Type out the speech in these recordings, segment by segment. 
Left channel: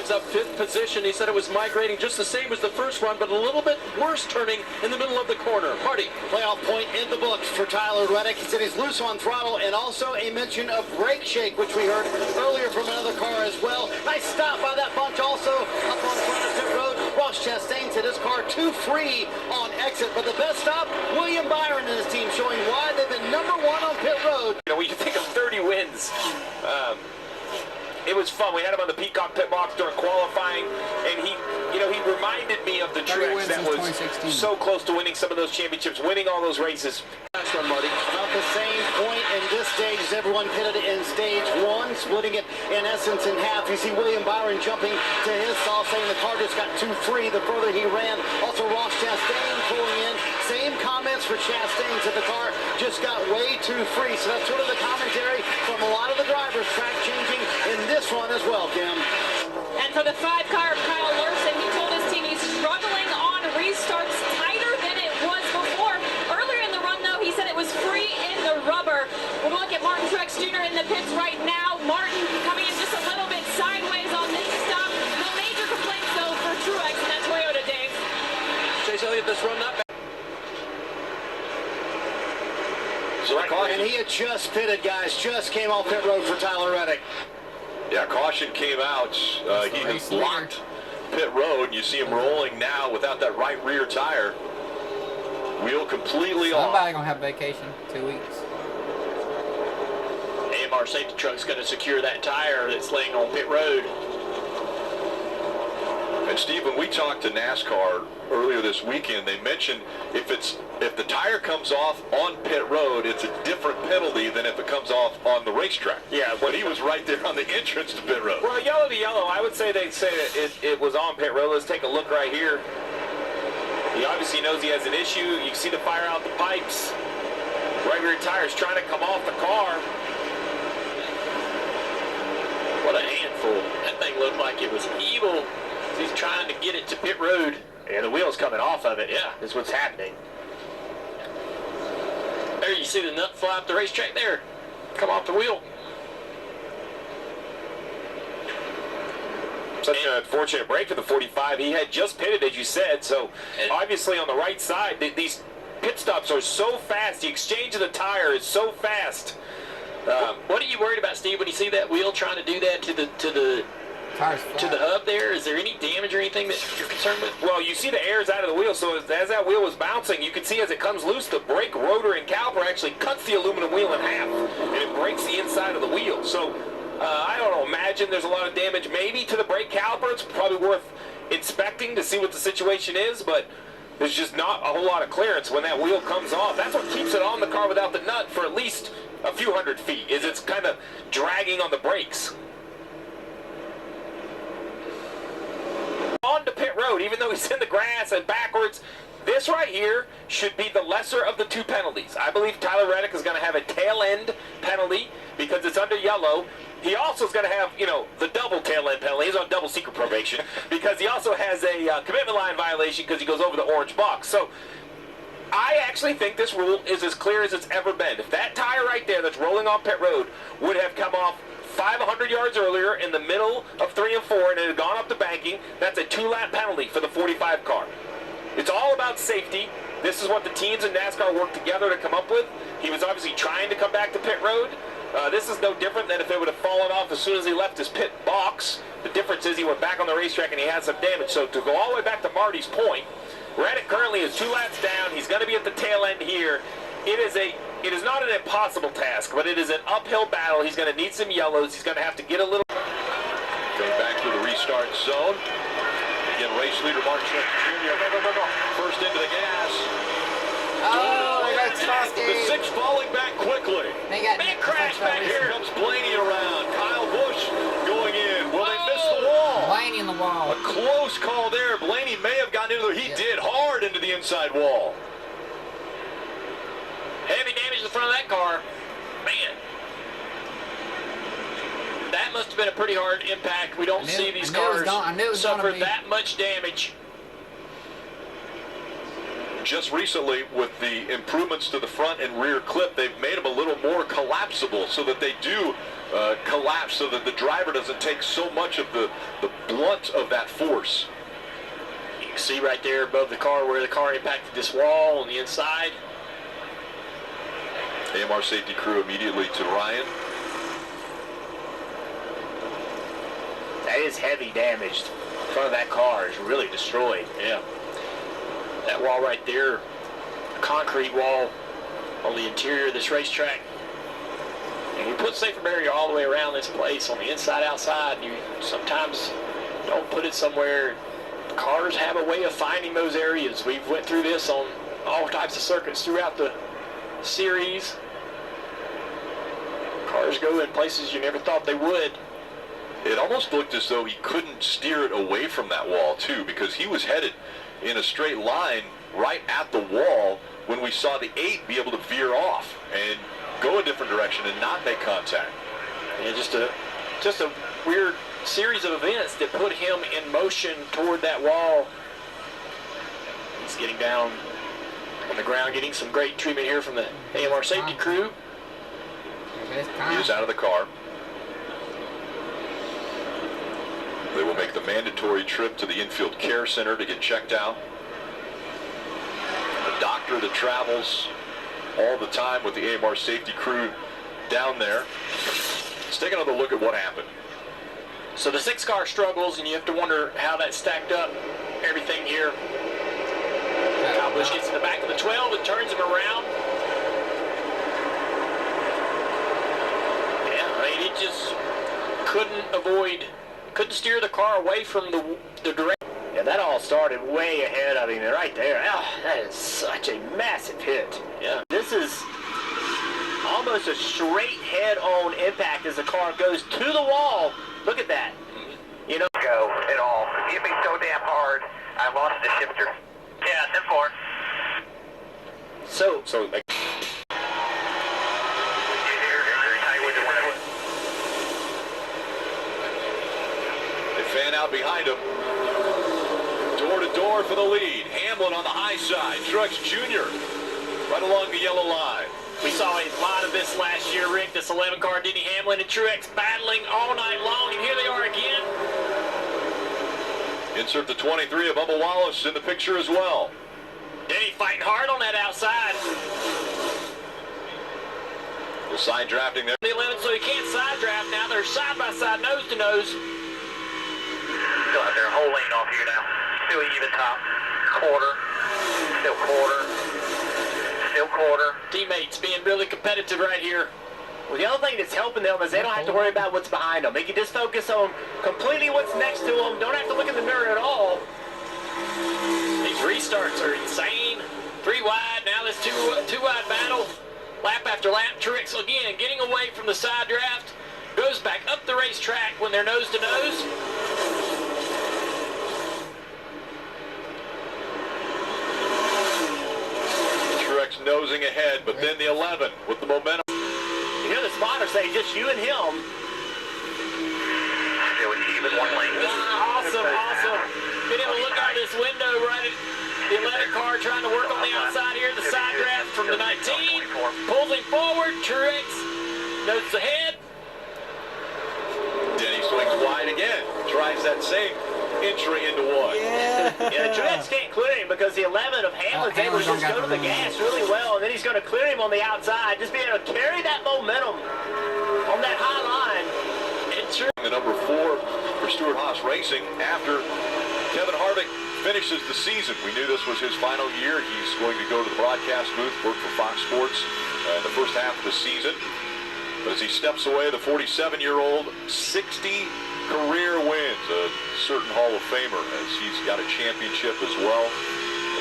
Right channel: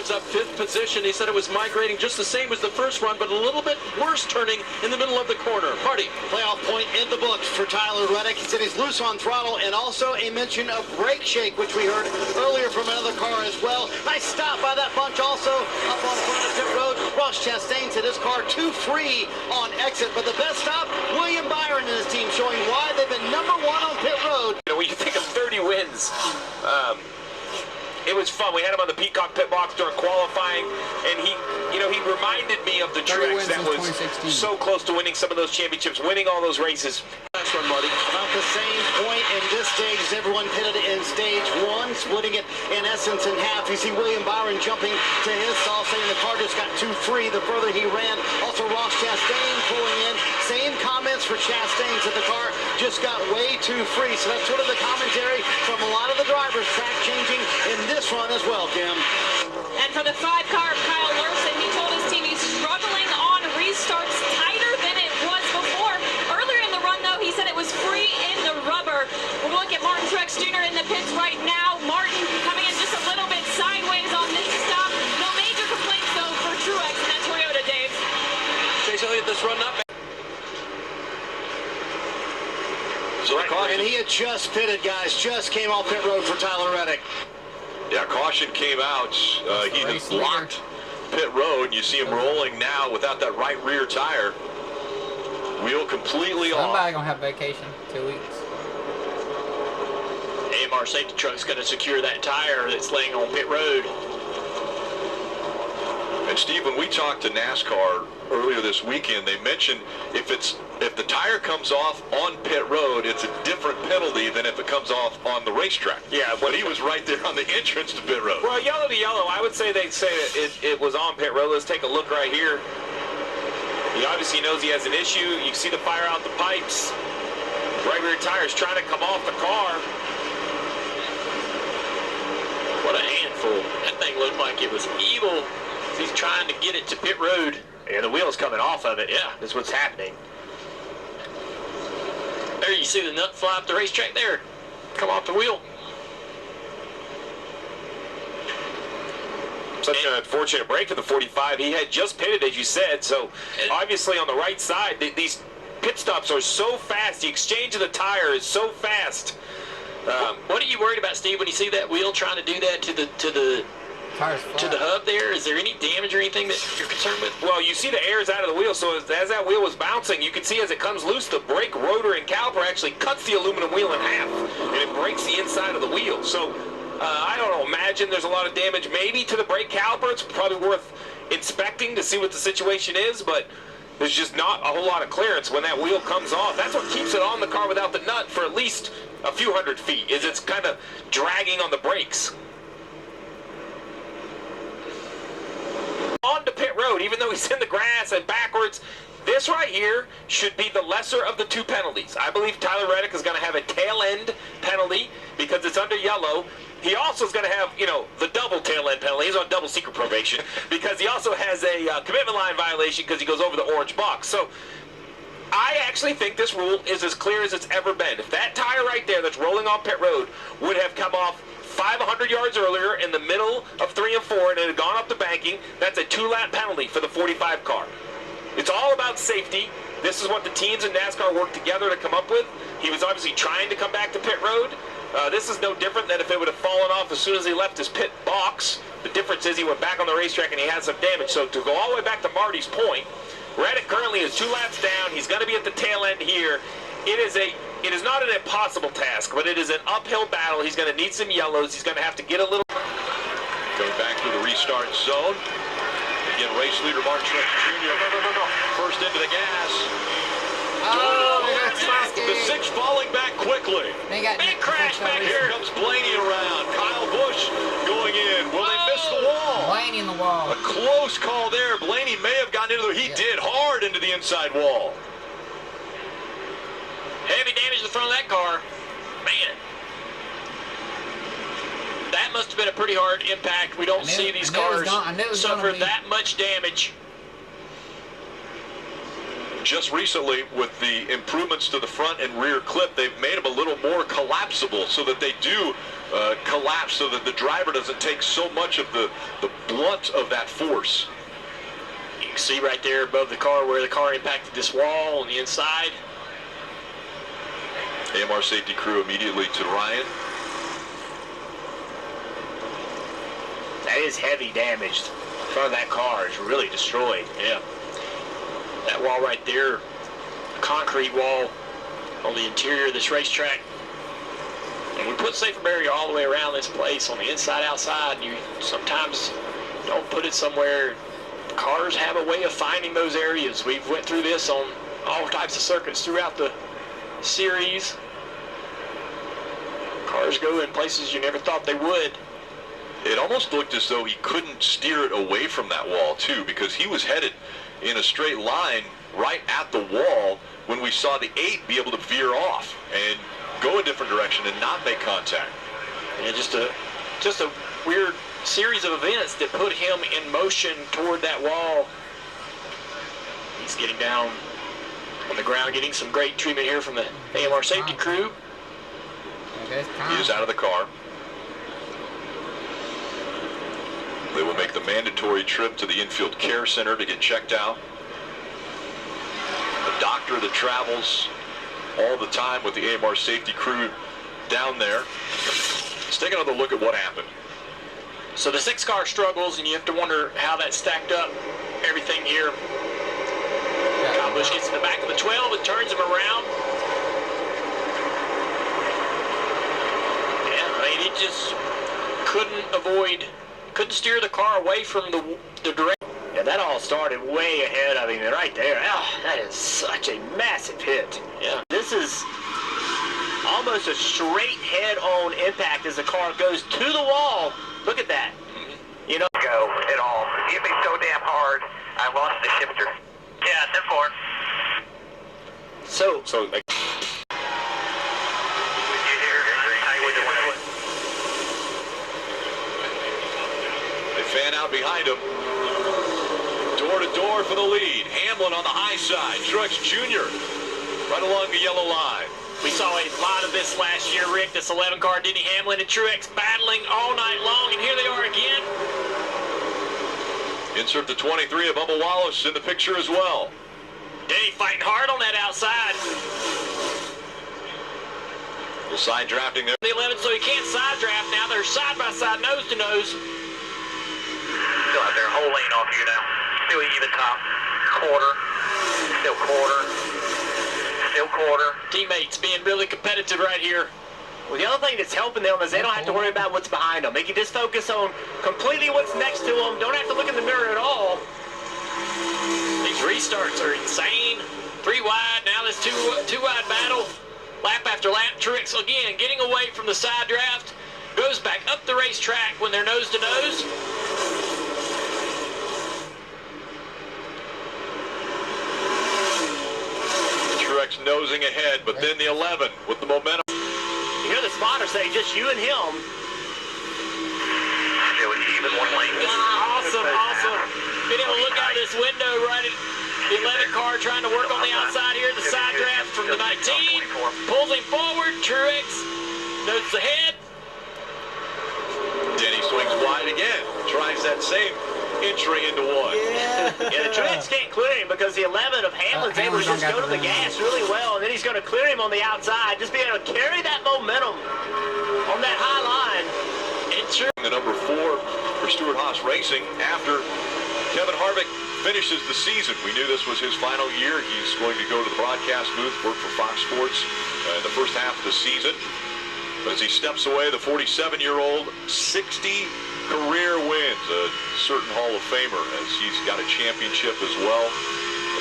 gives up 5th position. He said it was migrating just the same as the first run, but a little bit worse turning in the middle of the corner. Marty. Playoff point in the books for Tyler Reddick. He said he's loose on throttle, and also a mention of brake shake, which we heard earlier from another car as well. Nice stop by that bunch also up on front of the pit road. Ross Chastain said his car too free on exit, but the best stop, William Byron and his team showing why they've been #1 on pit road. You know, when you think of 30 wins, it was fun. We had him on the Peacock pit box during qualifying, and he reminded me of the Truex that was so close to winning some of those championships, winning all those races. Last run, Marty. About the same point in this stage as everyone pitted in stage 1, splitting it in essence in half. You see William Byron jumping to his stall, saying the car just got too free the further he ran. Also Ross Chastain pulling in. Same comments for Chastain, said the car just got way too free. So that's sort of the commentary from a lot of the drivers, track changing in this run as well, Kim. And for the 5 car of Kyle Larson, he told his team he's struggling on restarts, tighter than it was before. Earlier in the run, though, he said it was free in the rubber. We'll look at Martin Truex Jr. in the pits right now. Martin coming in just a little bit sideways on this stop. No major complaints, though, for Truex and that Toyota, Dave. Chase Elliott, this run not bad. And he had just pitted, guys. Just came off pit road for Tyler Reddick. Yeah, caution came out. He has blocked pit road, and you see him rolling now without that right rear tire. Wheel completely off. Somebody gonna have vacation 2 weeks. AMR safety truck's going to secure that tire that's laying on pit road. And Steve, when we talked to NASCAR earlier this weekend, they mentioned if the tire comes off on pit road, it's a different penalty than if it comes off on the racetrack. Yeah, but he was right there on the entrance to pit road. Well, yellow to yellow, I would say they'd say it was on pit road. Let's take a look right here. He obviously knows he has an issue. You can see the fire out the pipes. Right rear tire's trying to come off the car. What a handful. That thing looked like it was evil. He's trying to get it to pit road. And the wheel's coming off of it. Yeah, that's what's happening. There you see the nut fly up the racetrack there. Come off the wheel. Such an unfortunate break for the 45. He had just pitted, as you said, so obviously on the right side, these pit stops are so fast. The exchange of the tire is so fast. What are you worried about, Steve, when you see that wheel trying to do that to the hub there? Is there any damage or anything that you're concerned with? Well, you see the air's out of the wheel, so as that wheel was bouncing, you can see as it comes loose, the brake rotor and caliper actually cuts the aluminum wheel in half, and it breaks the inside of the wheel. So I don't know, imagine there's a lot of damage maybe to the brake caliper. It's probably worth inspecting to see what the situation is, but there's just not a whole lot of clearance when that wheel comes off. That's what keeps it on the car without the nut for at least a few hundred feet, is it's kind of dragging on the brakes. On to pit road, even though he's in the grass and backwards, this right here should be the lesser of the 2 penalties. I believe Tyler Reddick is going to have a tail end penalty because it's under yellow. He also is going to have, the double tail end penalty. He's on double secret probation because he also has a commitment line violation because he goes over the orange box. So I actually think this rule is as clear as it's ever been. If that tire right there that's rolling on pit road would have come off 500 yards earlier in the middle of 3 and 4 and it had gone up the banking, that's a 2-lap penalty for the 45 car. It's all about safety. This is what the teams in NASCAR worked together to come up with. He was obviously trying to come back to pit road. This is no different than if it would have fallen off as soon as he left his pit box. The difference is he went back on the racetrack and he had some damage. So to go all the way back to Marty's point, Reddick currently is 2 laps down. He's going to be at the tail end here. It is not an impossible task, but it is an uphill battle. He's going to need some yellows. He's going to have to get a little. Going back to the restart zone. Again, race leader Martin Truex Jr. First into the gas. Oh, they got Truex. The 6 falling back quickly. Big crash back Here here. comes Blaney around. Kyle Busch going in. Will they miss the wall? Blaney in the wall. A close call there. Blaney may have gotten into the. He did hard into the inside wall. Heavy damage to the front of that car. Man. That must have been a pretty hard impact. We don't see these cars suffer that much damage. just recently, with the improvements to the front and rear clip, they've made them a little more collapsible so that they do collapse, so that the driver doesn't take so much of the blunt of that force. You can see right there above the car where the car impacted this wall on the inside. AMR safety crew immediately to Ryan. That is heavy damage. The front of that car is really destroyed. Yeah. That wall right there, a concrete wall on the interior of this racetrack. And we put safer barrier all the way around this place on the inside, outside. And you sometimes don't put it somewhere. Cars have a way of finding those areas. We've went through this on all types of circuits throughout the series. Cars go in places you never thought they would. It almost looked as though he couldn't steer it away from that wall, too, because he was headed in a straight line right at the wall when we saw the 8 be able to veer off and go a different direction and not make contact. And just a weird series of events that put him in motion toward that wall. He's getting down on the ground, getting some great treatment here from the AMR safety crew. He is out of the car. They will make the mandatory trip to the infield care center to get checked out. A doctor that travels all the time with the AMR safety crew down there. Let's take another look at what happened. So the 6-car struggles, and you have to wonder how that stacked up. Everything here. Kyle Busch gets in the back of the 12 and turns him around. Yeah, I mean, he just couldn't steer the car away from the direction. Yeah, that all started way ahead of him right there. Oh, that is such a massive hit. Yeah, this is almost a straight head-on impact as the car goes to the wall. Look at that. You know, Go at all. It hit me so damn hard, I lost the shifter. Yeah, 10-4. so like, They fan out behind him. Door to door for the lead. Hamlin on the high side. Truex Jr. right along the yellow line. we saw a lot of this last year, Rick. This 11-car Denny, Hamlin, and Truex battling all night long, and here they are again. Insert the 23 of Bubba Wallace in the picture as well. Denny fighting hard on that outside. Little side drafting there. The 11, so he can't side draft now. They're side by side, nose to nose. Still out there, whole lane off you now. Still even top. Quarter. Still quarter. Still quarter. Teammates being really competitive right here. Well, the other thing that's helping them is they don't have to worry about what's behind them. They can just focus on completely what's next to them. Don't have to look in the mirror at all. These restarts are insane. 3 wide, now this two wide battle. Lap after lap, Truex again getting away from the side draft. Goes back up the racetrack when they're nose to nose. Truex nosing ahead, but then the 11 with the momentum. You hear the spotter say, just you and him. Still even one lane. Awesome, awesome. Being able to look out this window right at the 11 car trying to work on the outside here. The side draft from the 19. Pulls him forward. Truex notes ahead. Denny swings wide again. Tries that same entry into one. Yeah, the Truex can't clear him because the 11 of Hamlin's able to just go to the gas really well, and then he's going to clear him on the outside. Just be able to carry that momentum on that high line. The number 4 for Stewart Haas Racing after Kevin Harvick finishes the season. We knew this was his final year. He's going to go to the broadcast booth, work for Fox Sports in the first half of the season. But as he steps away, the 47-year-old, 60 career wins, a certain Hall of Famer, as he's got a championship as well.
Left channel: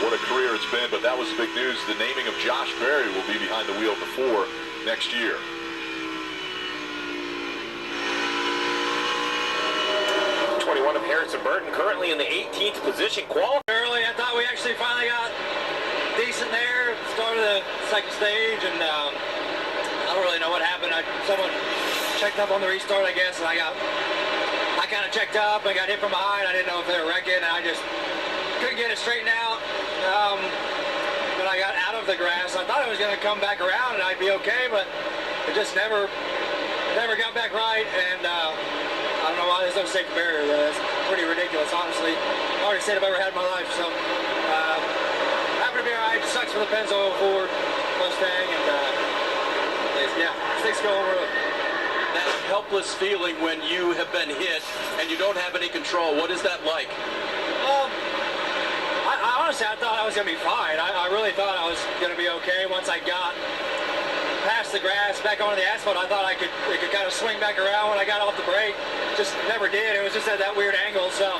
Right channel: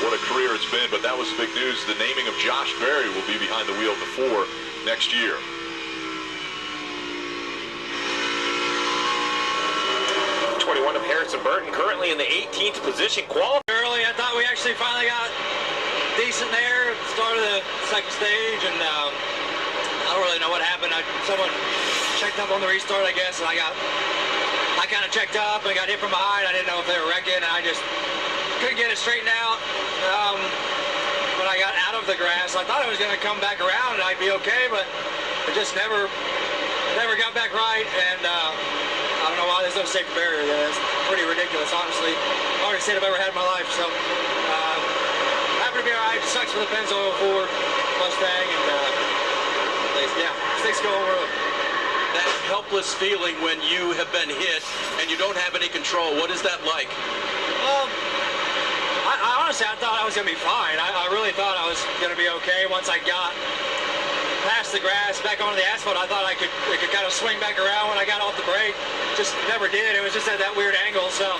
What a career it's been, but that was the big news. The naming of Josh Berry will be behind the wheel of the 4 next year. Of Harrison Burton currently in the 18th position. Early, I thought we actually finally got decent there at the start of the second stage, and I don't really know what happened. Someone checked up on the restart, I guess, and I kind of checked up and got hit from behind. I didn't know if they were wrecking, and I just couldn't get it straightened out. when I got out of the grass. I thought it was going to come back around and I'd be okay, but it just never got back right. And I don't know why there's no safety barrier there. It's pretty ridiculous, honestly. Hardest hit I've ever had in my life. So happy to be all right. It sucks for the Pennzoil Ford Mustang, and yeah, things go over. That helpless feeling when you have been hit and you don't have any control, what is that like? Well, I honestly, I thought I was going to be fine. I really thought I was going to be okay once I got past the grass, back onto the asphalt. I thought it could kind of swing back around when I got off the brake. Just never did. It was just at that weird angle. So,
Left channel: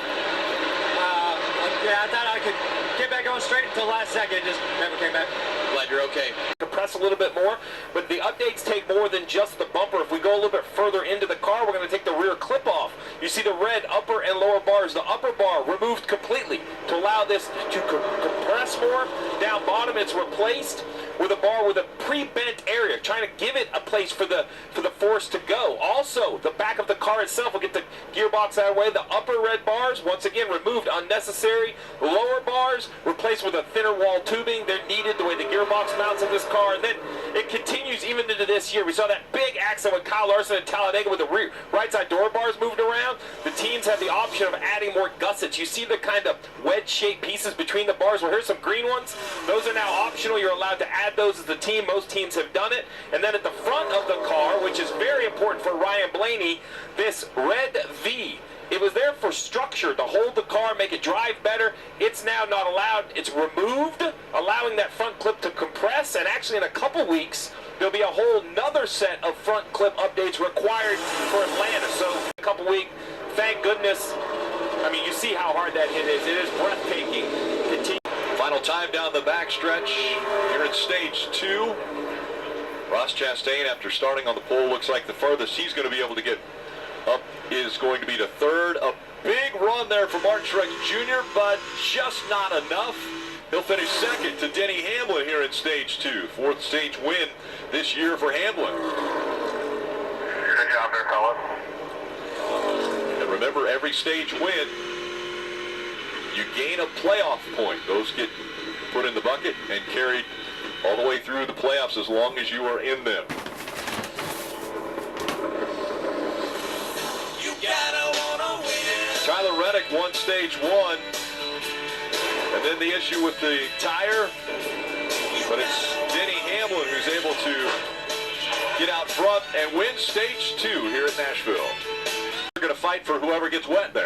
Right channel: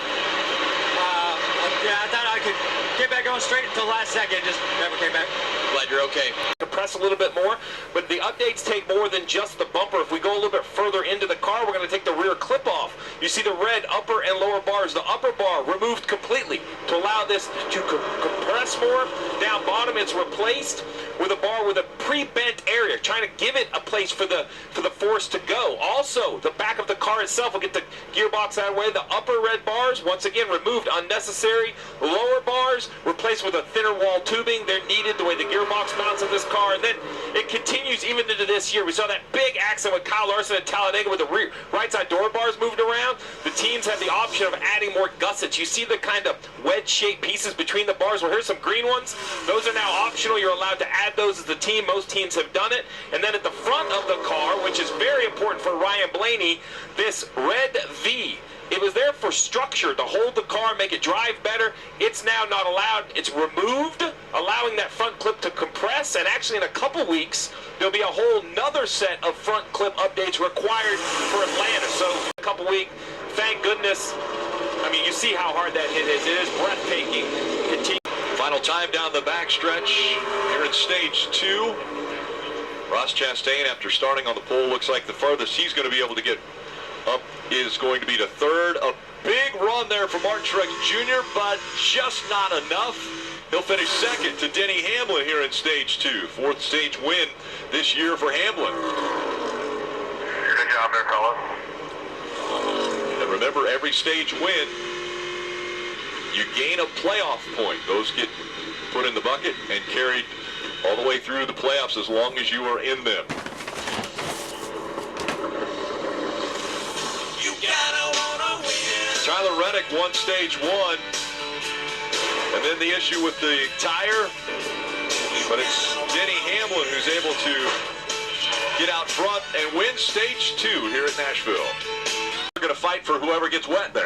yeah, I thought I could get back on straight until last second. Just never came back. Glad you're okay. Compress a little bit more, but the updates take more than just the bumper. If we go a little bit further into the car, we're going to take the rear clip off. You see the red upper and lower bars. The upper bar removed completely to allow this to compress more. Down bottom, it's replaced with a bar with a pre-bent area, trying to give it a place for the force to go. Also, the back of the car itself will get the gearbox out of the way. The upper red bars, once again, removed unnecessary. Lower bars replaced with a thinner wall tubing. They're needed the way the gearbox mounts in this car. And then it continues even into this year. We saw that big accident with Kyle Larson at Talladega with the right side door bars moved around. The teams have the option of adding more gussets. You see the kind of wedge-shaped pieces between the bars. Well, here's some green ones. Those are now optional. You're allowed to add those as a team. Most teams have done it. And then at the front of the car, which is very important for Ryan Blaney, this red V. It was there for structure, to hold the car, make it drive better. It's now not allowed. It's removed, allowing that front clip to compress. And actually in a couple weeks, there'll be a whole nother set of front clip updates required for Atlanta. So a couple weeks, thank goodness. I mean, you see how hard that hit is. It is breathtaking. Final time down the backstretch here in stage 2. Ross Chastain, after starting on the pole, looks like the farthest he's going to be able to get up is going to be to third. A big run there for Martin Truex Jr., but just not enough. He'll finish second to Denny Hamlin here in stage 2. 4th stage win this year for Hamlin. Good job there, fella. And remember, every stage win, you gain a playoff point. Those get put in the bucket and carried all the way through the playoffs as long as you are in them. Tyler Reddick won stage 1, and then the issue with the tire, but it's Denny Hamlin who's able to get out front and win stage 2 here at Nashville. We're going to fight for whoever gets wet there.